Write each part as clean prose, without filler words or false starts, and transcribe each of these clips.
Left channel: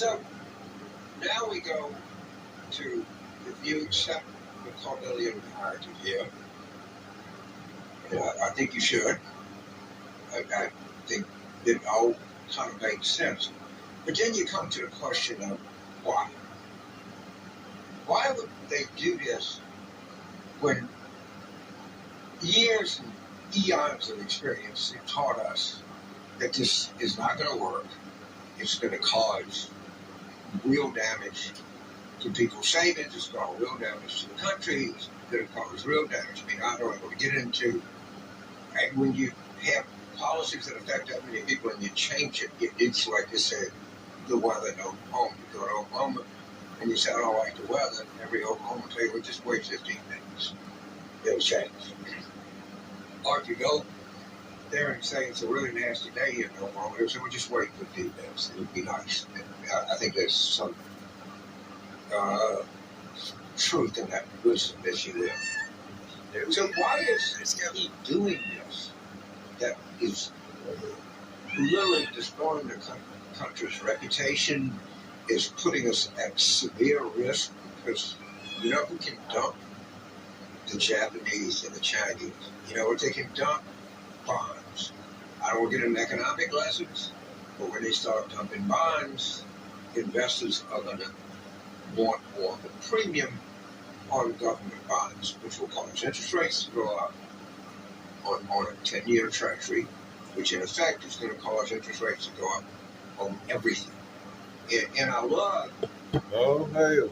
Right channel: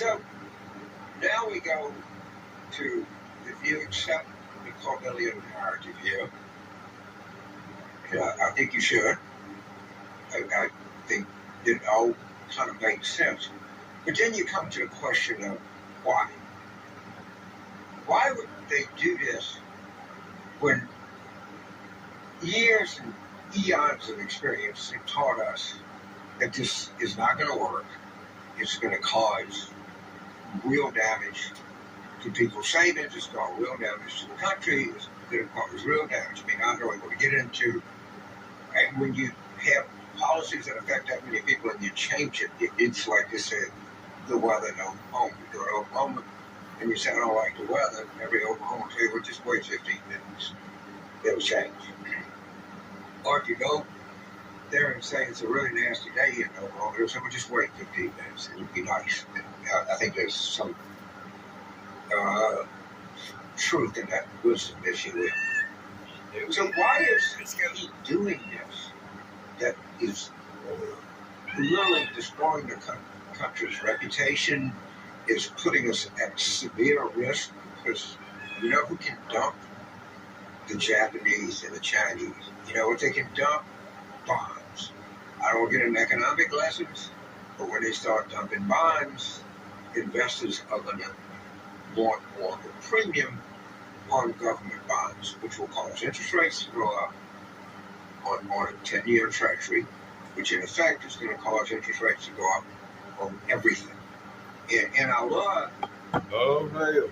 So now we go to, if you accept the Cornelian narrative here, and I think you should. I think it all kind of makes sense. But then you come to the question of why. Why would they do this when years and eons of experience have taught us that this is not going to work? It's going to cause real damage to people's savings. It's going to cause real damage to the country. It's going to cause real damage. I mean, I don't know what to get into. And when you have policies that affect that many people and you change it, it's like you said, the weather in Oklahoma. You go to Oklahoma and you say, I don't like the weather. Every Oklahoma will tell you, well, just wait 15 minutes. It'll change. Or if you go there and say it's a really nasty day in Oklahoma, they'll say, well, just wait 15 minutes. It'll be nice. And I think there's some truth in that wisdom, if you will. So why is he doing this? That is literally destroying the country's reputation, is putting us at severe risk, because you know who can dump? The Japanese and the Chinese. You know what they can dump? Bonds. I don't want to get into economic lessons, but when they start dumping bonds, investors are going to want more of a premium on government bonds, which will cause interest rates to go up on a 10-year treasury, which in effect is going to cause interest rates to go up on everything. And I love... Oh, man.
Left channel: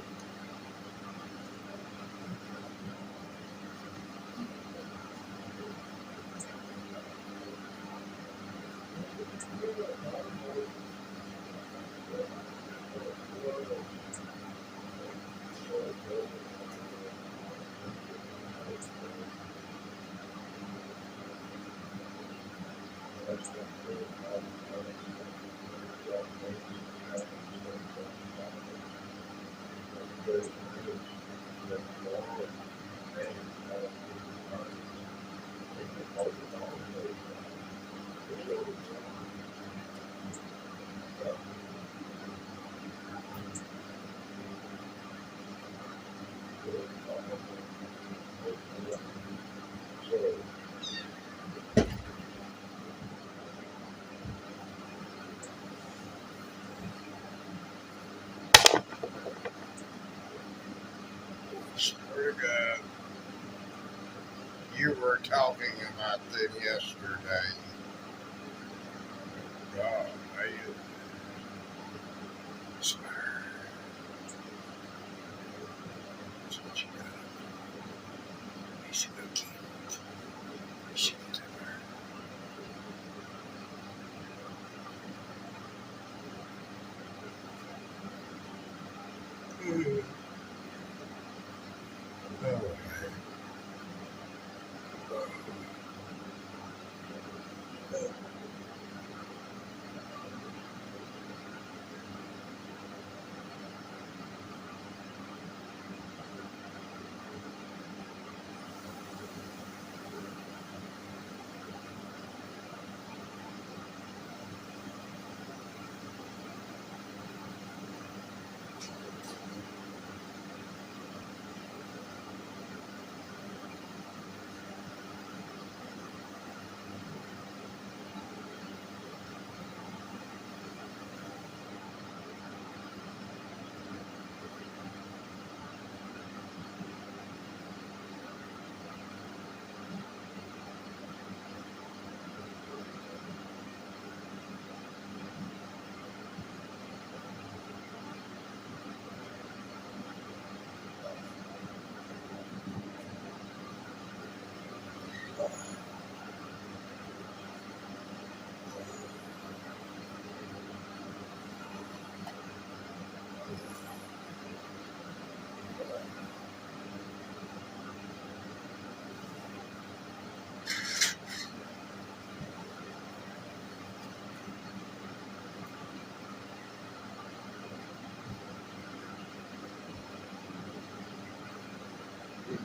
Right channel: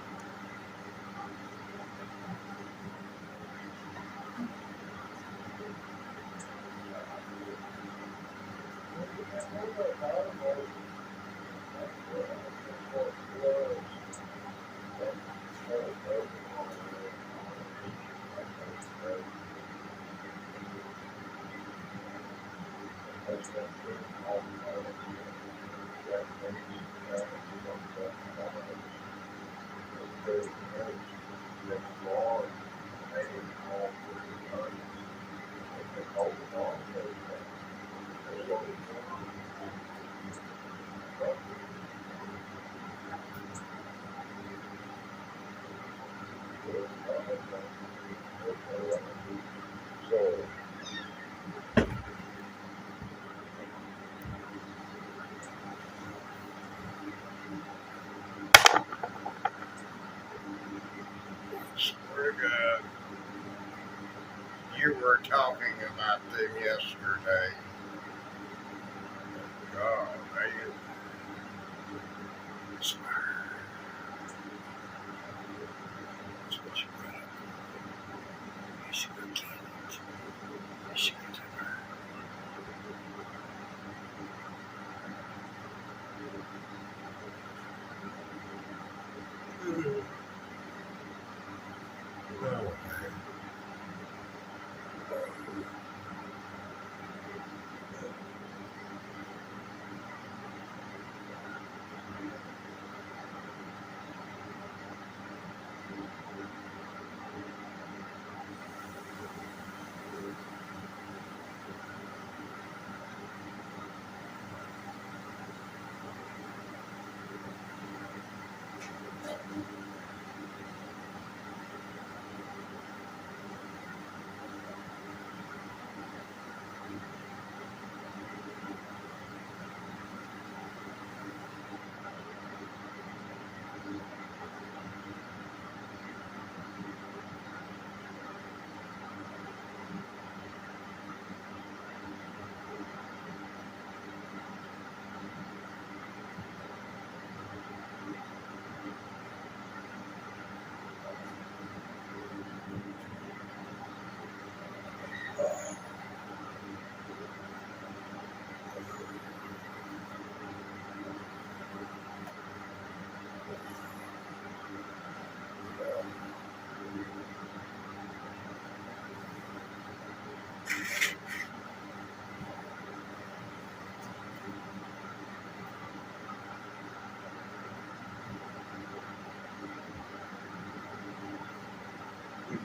Swear to God, you were talking about them yesterday. God, man. I swear. That's what you got. You should have killed it. You should have done that.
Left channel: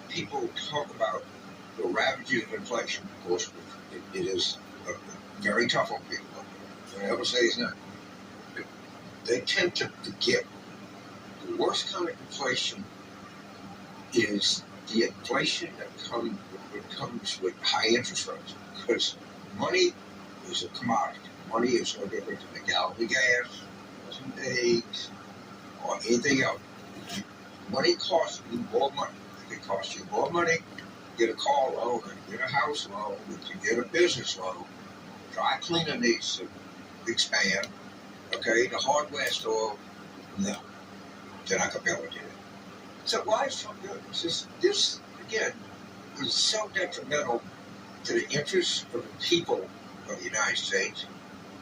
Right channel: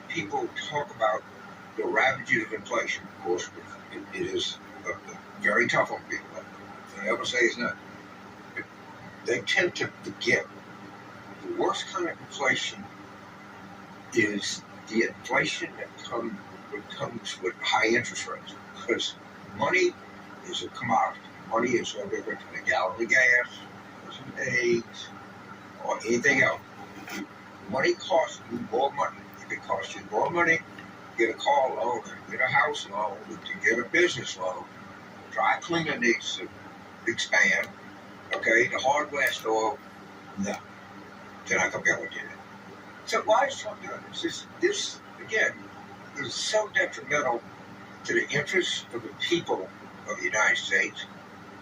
People talk about the ravages of inflation. Of course, it is very tough on people. Don't ever say it's not. they tend to forget the worst kind of inflation is the inflation that comes with high interest rates, because money is a commodity. Money is no different than a gallon of gas, or some eggs, or anything else. Money costs you more money. If it costs you more money, get a car loan, get a house loan, to get a business loan. Dry cleaner needs to expand. Okay, the hardware store, no, they're not gonna be able to do it. So why is Trump doing this? This again is so detrimental to the interests of the people of the United States,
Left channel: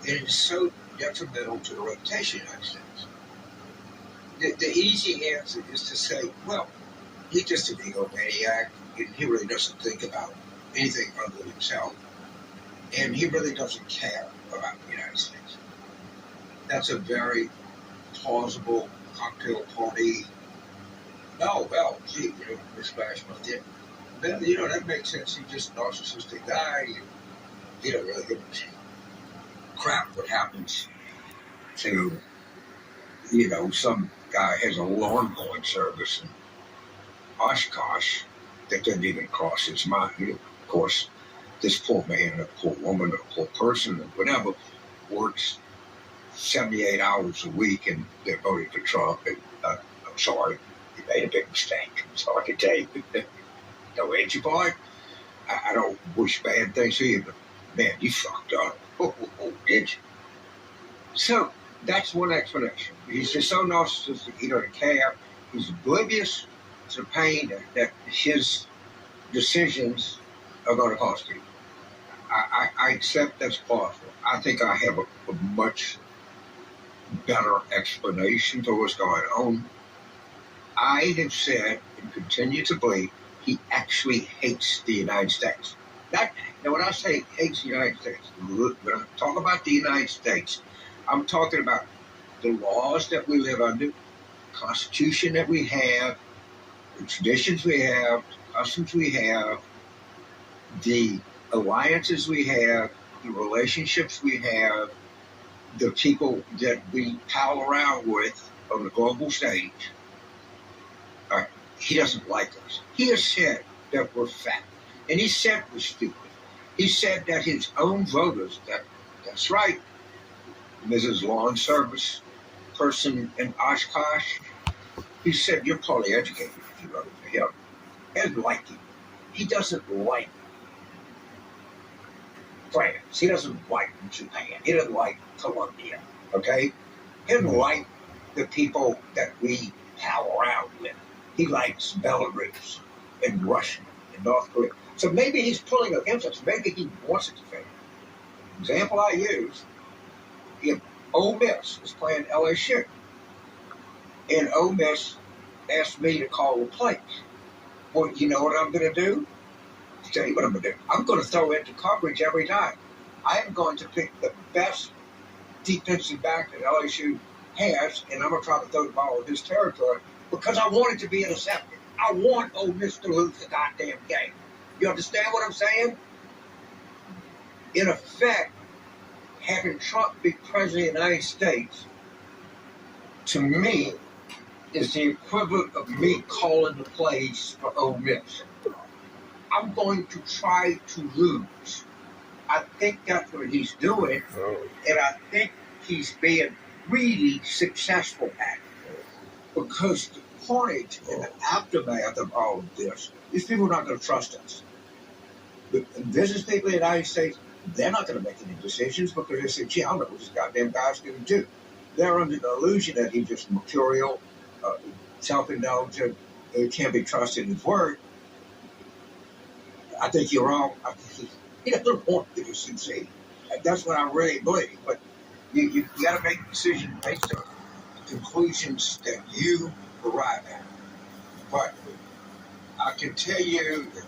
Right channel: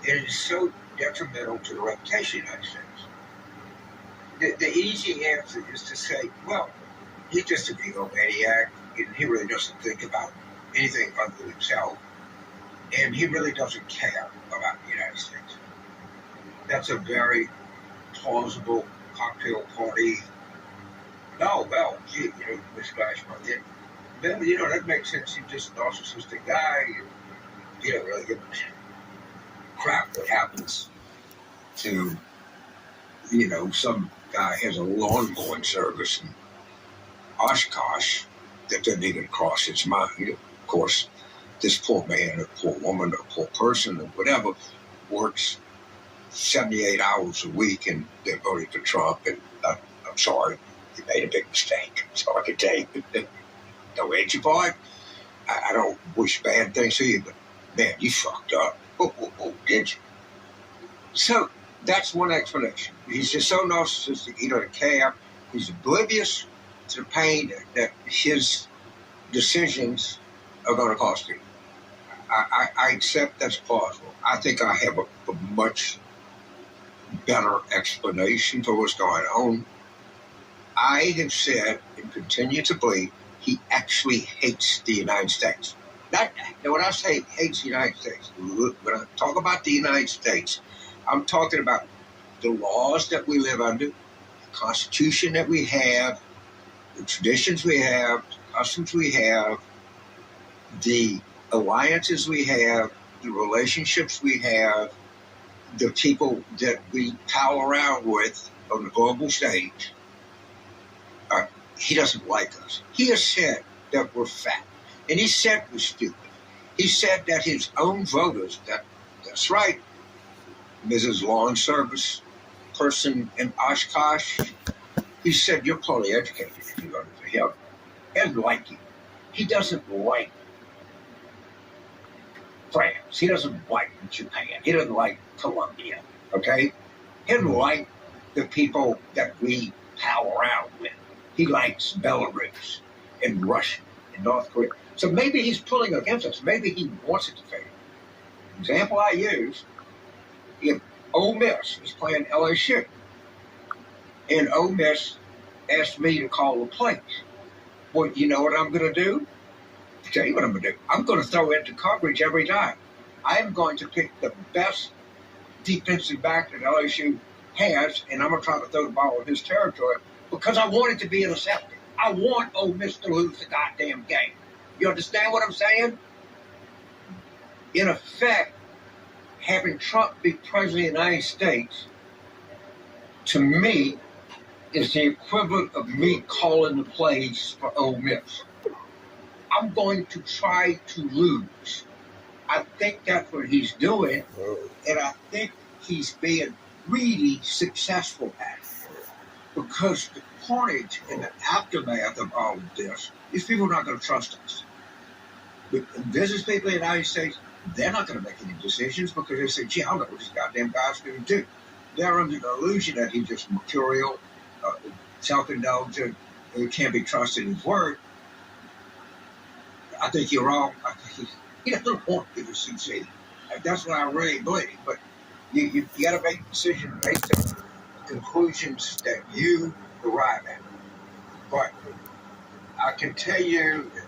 and it is so detrimental to the reputation of the United States. The easy answer is to say, well, he's just an egomaniac, and he really doesn't think about anything other than himself, and he really doesn't care about the United States. That's a very plausible cocktail party. Oh, well, gee, misflash my thing. Then, that makes sense. He's just a narcissistic guy. He don't really give a crap what happens to, some guy has a lawn mowing service in Oshkosh that doesn't even cross his mind. Of course, this poor man, or poor woman, or poor person, or whatever, works 78 hours a week, and they're voting for Trump, and I'm sorry, you made a big mistake. So I can tell you, don't hate you, boy. I don't wish bad things to you, but man, you fucked up. Oh, did you? So that's one explanation. He's just so narcissistic, he doesn't care. He's oblivious to the pain that his decisions are going to cost him. I accept that's plausible. I think I have a much better explanation for what's going on. I have said and continue to believe he actually hates the United States. Now, when I say hates the United States, when I talk about the United States, I'm talking about the laws that we live under, the Constitution that we have, the traditions we have, the customs we have, the alliances we have, the relationships we have, the people that we pal around with on the global stage. He doesn't like us. He has said that we're fat. And he said we're stupid. He said that his own voters, that's right, Mrs. Lawn Service person in Oshkosh, he said, you're poorly educated if you voted for him. He doesn't like you. He doesn't like France. He doesn't like Japan. He doesn't like Colombia. Okay? He doesn't like the people that we pal around with. He likes Belarus and Russia and North Korea. So maybe he's pulling against us. Maybe he wants it to fail. Example I use, if Ole Miss is playing LSU, and Ole Miss asked me to call the plays, well, you know what I'm going to do? I'll tell you what I'm going to do. I'm going to throw into coverage every time. I am going to pick the best defensive back that LSU has, and I'm going to try to throw the ball in his territory because I want it to be intercepted. I want Ole Miss to lose the goddamn game. You understand what I'm saying? In effect, having Trump be president of the United States, to me, is the equivalent of me calling the plays for Ole Miss. I'm going to try to lose. I think that's what he's doing, and I think he's being really successful at it. Because the carnage and the aftermath of all of this, these people are not going to trust us. The business people in the United States, they're not going to make any decisions because they say, gee, I don't know what this goddamn guy's going to do. They're under the illusion that he's just mercurial, self-indulgent, can't be trusted in his word. I think you're wrong. I think he doesn't want you to succeed. That's what I really believe. But you got to make a decision based on the conclusions that you arrive at. But I can tell you that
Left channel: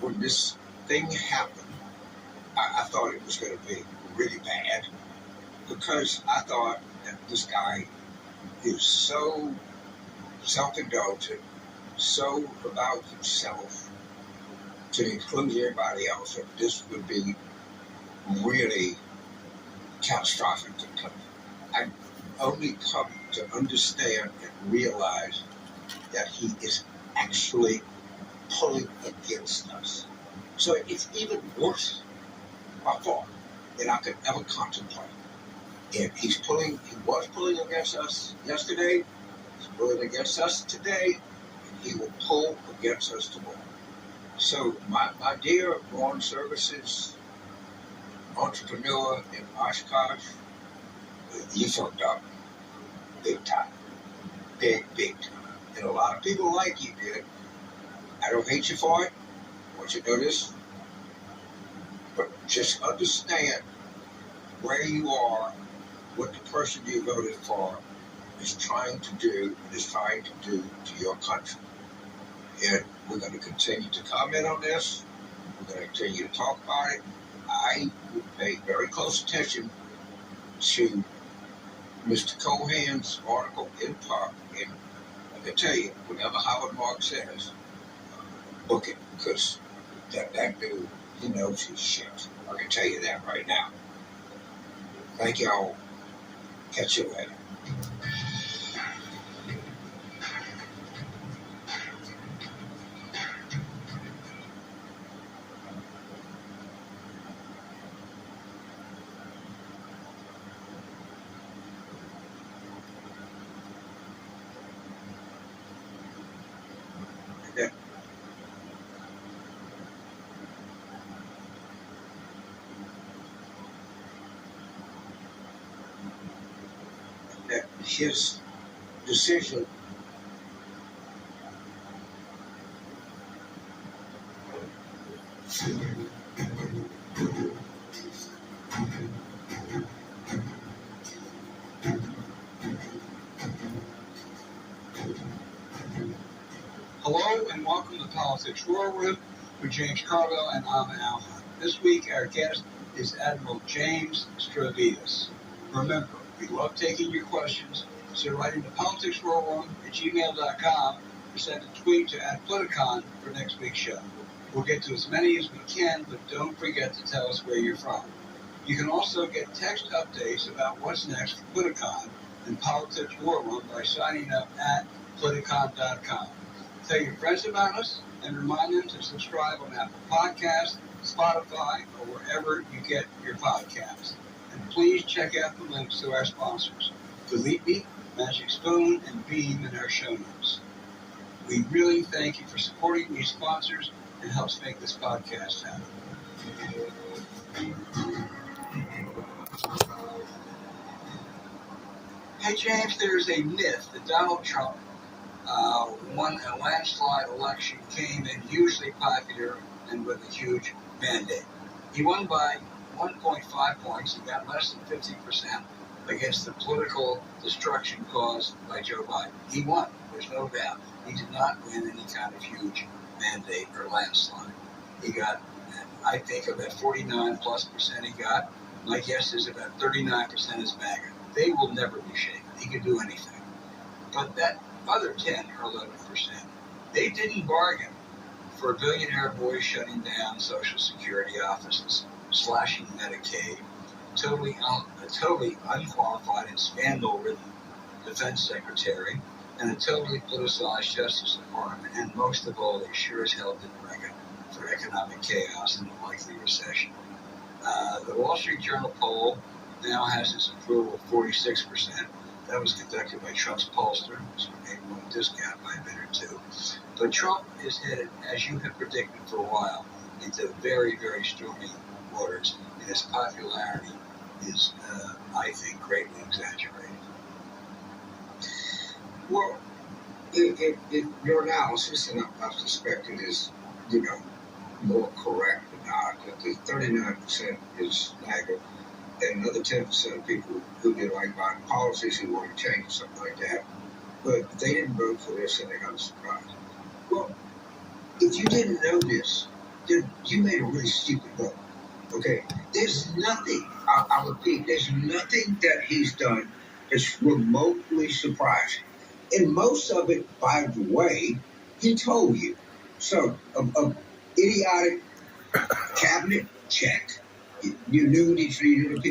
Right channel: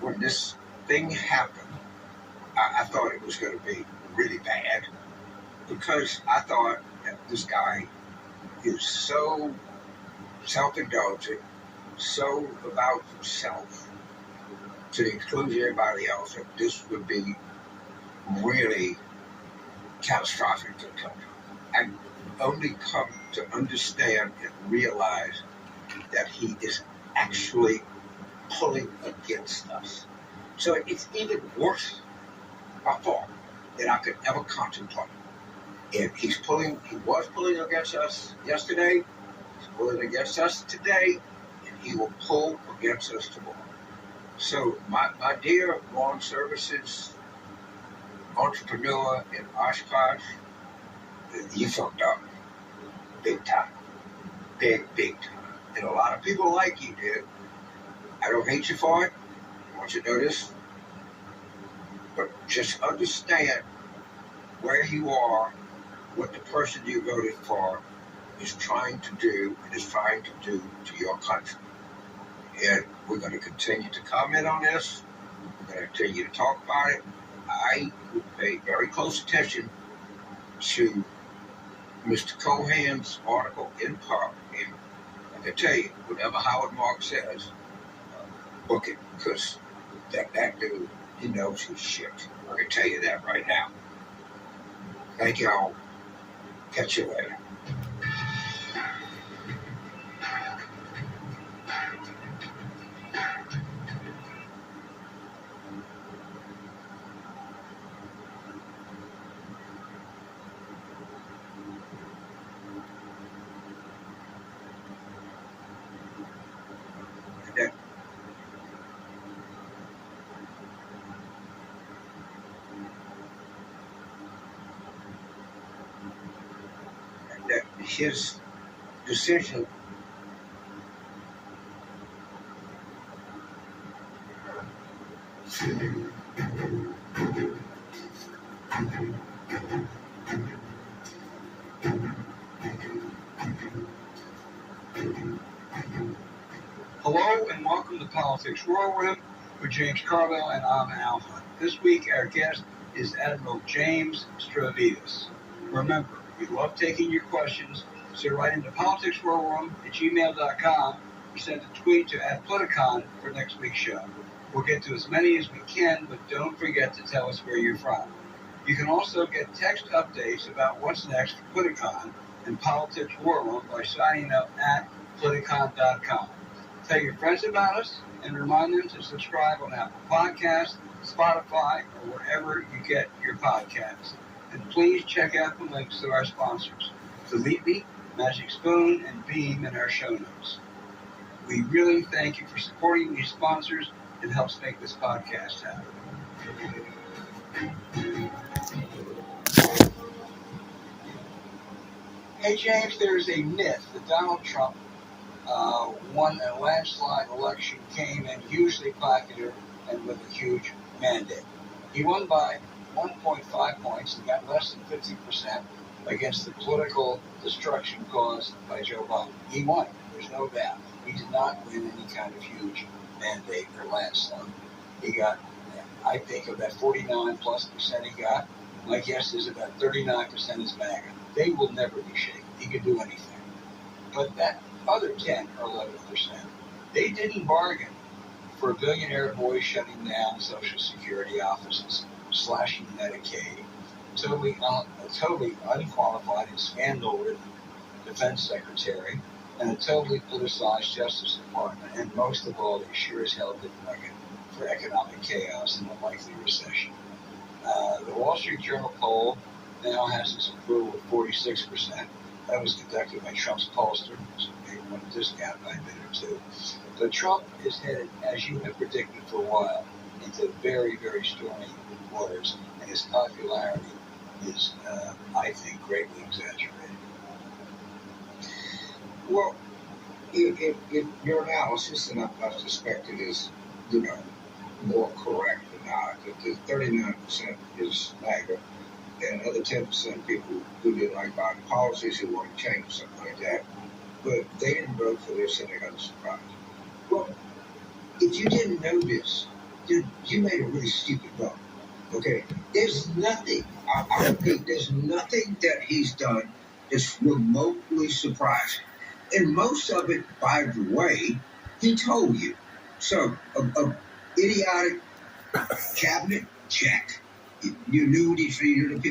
when this thing happened, I thought it was going to be really bad because I thought that this guy is so self-indulgent, so about himself, to include everybody else, that this would be really catastrophic to the country. only come to understand and realize that he is actually pulling against us. So it's even worse by far than I could ever contemplate. And he was pulling against us yesterday, he's pulling against us today, and he will pull against us tomorrow. So my dear lawn services entrepreneur in Oshkosh, you fucked up. Big time. Big time. And a lot of people like you did. I don't hate you for it. I want you to know this. But just understand where you are, what the person you voted for is trying to do and is trying to do to your country. And we're going to continue to comment on this. We're going to continue to talk about it. I would pay very close attention to Mr. Cohen's article in part. And I can tell you, whatever Howard Marks says, book it, because that dude, he knows his shit. I can tell you that right now. Thank y'all. Catch you later. That his decision Hello and welcome to Politics Whirlwind with James Carville, and I'm Al Hunt. This week our guest is Admiral James Stravitas. Remember, we love taking your questions, so write into politicswhirlwind@gmail.com or send a tweet to @Politicon for next week's show. We'll get to as many as we can, but don't forget to tell us where you're from. You can also get text updates about what's next for Politicon and Politics Whirlwind by signing up at Politicon.com. Tell your friends about us and remind them to subscribe on Apple Podcasts, Spotify, or wherever you get your podcasts. And please check out the links to our sponsors, Delete Me, Magic Spoon, and Beam in our show notes. We really thank you for supporting these sponsors. It helps make this podcast happen. Hey James, there's a myth that Donald Trump won a landslide election, came in hugely popular and with a huge mandate. He won by 1.5 points and got less than 50% against the political destruction caused by Joe Biden. He won, there's no doubt. He did not win any kind of huge mandate or landslide. He got, I think, of that 49+% he got, my guess is about 39% is MAGA. They will never be shaken. He could do anything. But that other 10 or 11%, they didn't bargain for billionaire boys shutting down Social Security offices, slashing Medicaid, a totally unqualified and scandal-ridden defense secretary, and a totally politicized Justice Department, and most of all, they sure as hell didn't reckon for economic chaos and a likely recession. The Wall Street Journal poll now has its approval of 46%. That was conducted by Trump's pollster, so maybe one discount by a bit or two. But Trump is headed, as you have predicted for a while, into very, very stormy waters, and his popularity is, I think, greatly exaggerated. Well, if your analysis, and I suspect it is, more correct than not, that the 39% is MAGA, and another 10% of people who didn't like Biden policies who want to change or something like that, but they didn't vote for this and they got a surprise. Well, if you didn't know this, then you made a really stupid vote. Okay? There's nothing, I repeat, there's nothing that he's done that's remotely surprising. And most of it, by the way, he told you. So, a idiotic cabinet, check. You knew what he treated the people.